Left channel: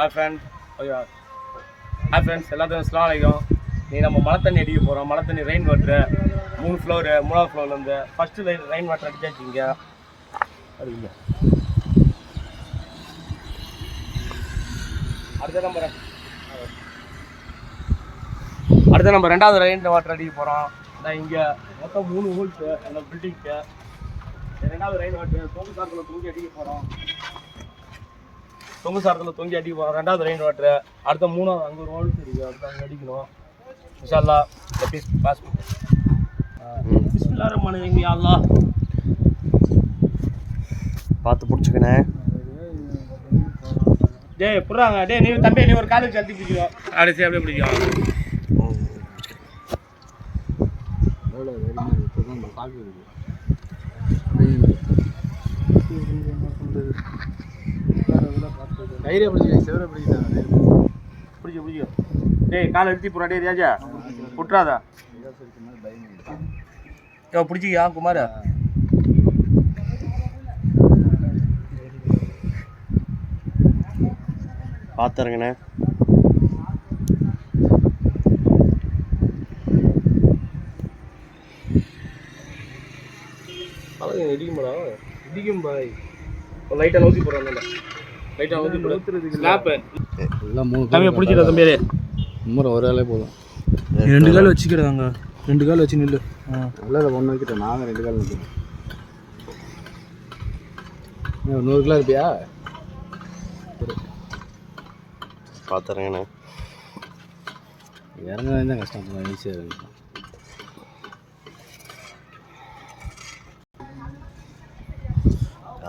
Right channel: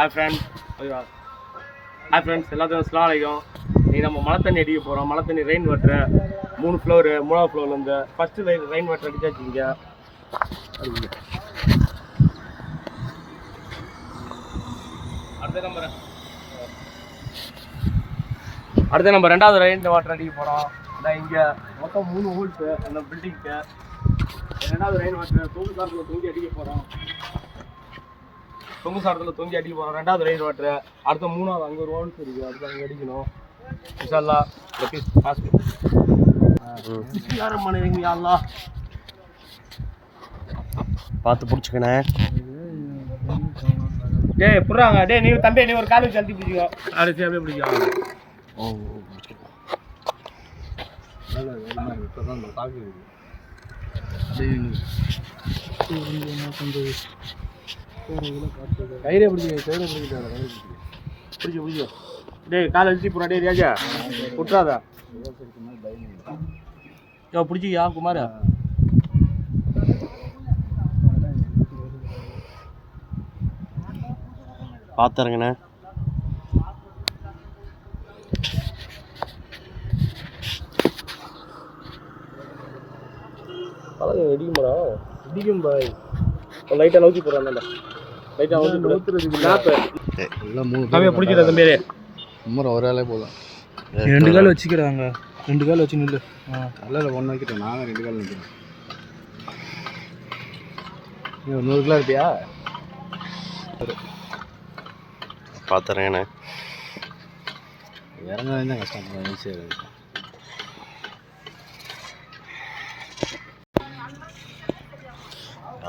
Hi friends, எல்லாத்துக்கும் அஸ்ஸலாமு அலைக்கும். இன்றைக்கி நம்ம மழை தண்ணி அடிக்க போகிறோம். மழை தண்ணி ரெயின் வாட்ரு 3 ஃப்ளோரு, 3ஆவது ஃப்ளோர்லேருந்து ஃபஸ்ட்டு ரெயின் வாட்டர் அடிச்சாச்சு. இங்கே அடுத்த நம்ம 2வது ரெயின் வாட்டர் அடிக்க போகிறோம். அதான் இங்கே மொத்தம் 3 ஹோல்ஸு அந்த பில்டிங்க்கு. 2வது ரெயின் வாட்டர் தொங்கு சாரத்தில் தூங்கி அடிக்க போகிறோம். 2வது ரெயின் வாட்டர். அடுத்த 3வது அங்கே ஒரு ஹோல்ஸ் இருக்குது, அடுத்து அங்கே அடிக்கணும். இன்ஷா அல்லாஹ் லெப்பீஸ் பாஸ் பிஸ்மில்லாஹிர்ரஹ்மானிர்ரஹீம். யா அல்லாஹ் பார்த்து பிடிச்சிக்கண்ணே. டேய் புறாங்க, டேய் நீ தம்பி நீ ஒரு கால் வச்சு அழுத்தி பிடிச்சிக்கோ. அப்படியே சரி, அப்படியே பிடிக்கும். கயிறே பிடிச்சிக்க டேய் கால் அழுத்தி புறா. டேய் ராஜா விட்றாதா பிடிச்சிக்கியா குமார். பார்த்துருங்கண்ணே. இடிக்கும்டா, இடிக்கும் பாய். லைட்டாக நோக்கி போடுறான், லைட்டாக நோக்கி போடுறதுக்கு லேப்பு தம்பியை பிடிச்சிட்டா. தம்பி ஒரு வேலை போதும். 2 கால் வச்சுக்கிறாங்க, 2 கால் வச்சு நில்லு. நல்லா 1 வைக்கிட்டேன். நாங்கள் 2 கால் நிற்கிறேன். 100 கிலோ இருப்பியா? பார்த்துருங்கண்ணே. இறங்குறது தான் கஷ்டம். ஈஸியாக இருக்கு.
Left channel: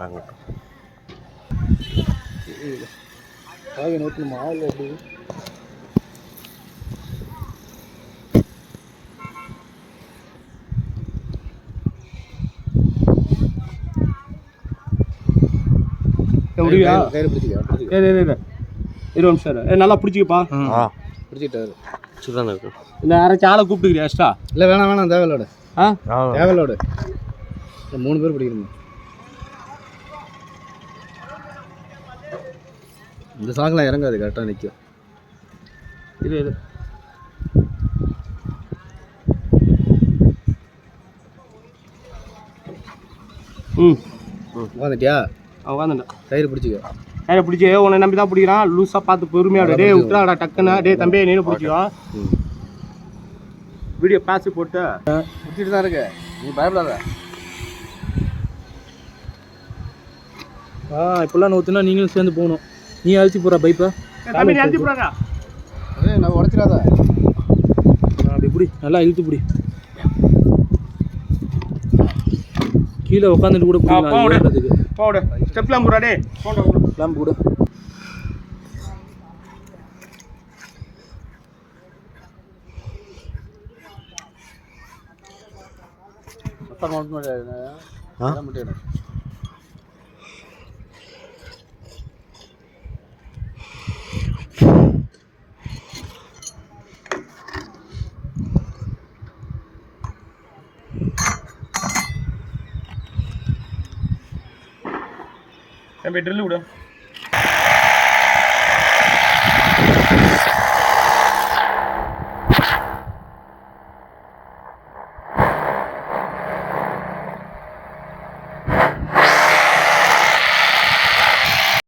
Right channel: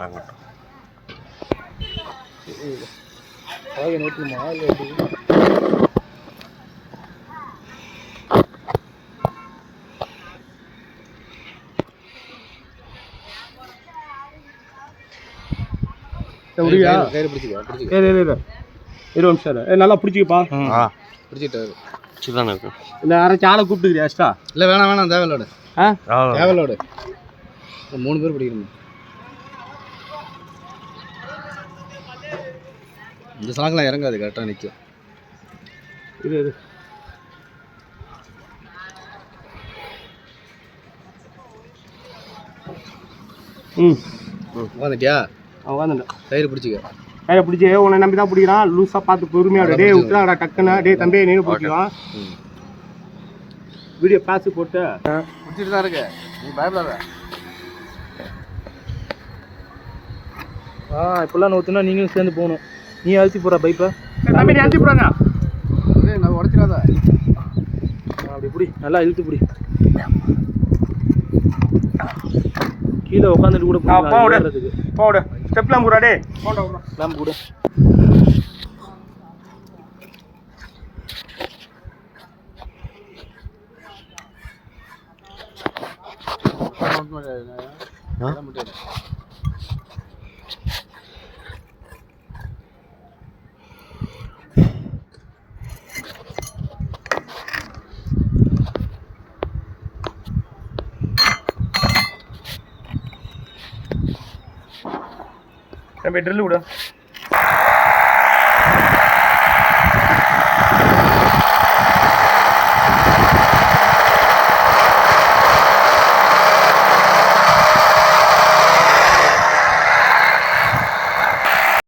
இறங்கட்டும். நேற்றுமா இல்லை எப்படி? முடியா கையில் பிடிச்சிக்க. 20 நிமிஷம் நல்லா பிடிச்சிக்கப்பா. பிடிச்சிட்டாரு சிதானே இருக்கு. இல்லை யாராச்சும் ஆளை கூப்பிட்டுக்கிறியா எக்ஸ்ட்ரா? இல்லை வேணாம் தேவையில்லோட. தேவையில்லோட 3 பேர் பிடிக்கணும். இந்த சாங்கெலாம் இறங்காது, கரெக்டாக நிற்கும். இது உட்காந்துட்டியா? உட்காந்துட்டேன். கயிறு பிடிச்சிக்க. கயிறை பிடிச்சி உன்னை நம்பி தான் பிடிக்கிறான். லூஸாக பார்த்து பொறுமையாக. டே விட்டுறாடா டக்குன்னு. டே தம்பியை நீனும் பிடிச்சிக்கோ. வீடியோ பேசி போட்டு பிடிச்சிட்டு தான் இருக்கு. நீ பயப்படாத. இப்போல்லாம் நோத்துனா நீங்களும் சேர்ந்து போகணும். நீ அழுத்தி போகிற பைப்பை. தம்பி நீ அழுத்தி போகிறாங்க. நான் உடச்சிடாத. அப்படி பிடி, நல்லா இழுத்து பிடி. கீழே உட்காந்துட்டு கூட போடு. ஸ்டெப்லாம் கூட. டே போலாம் கூட. ட்ரில் விடு.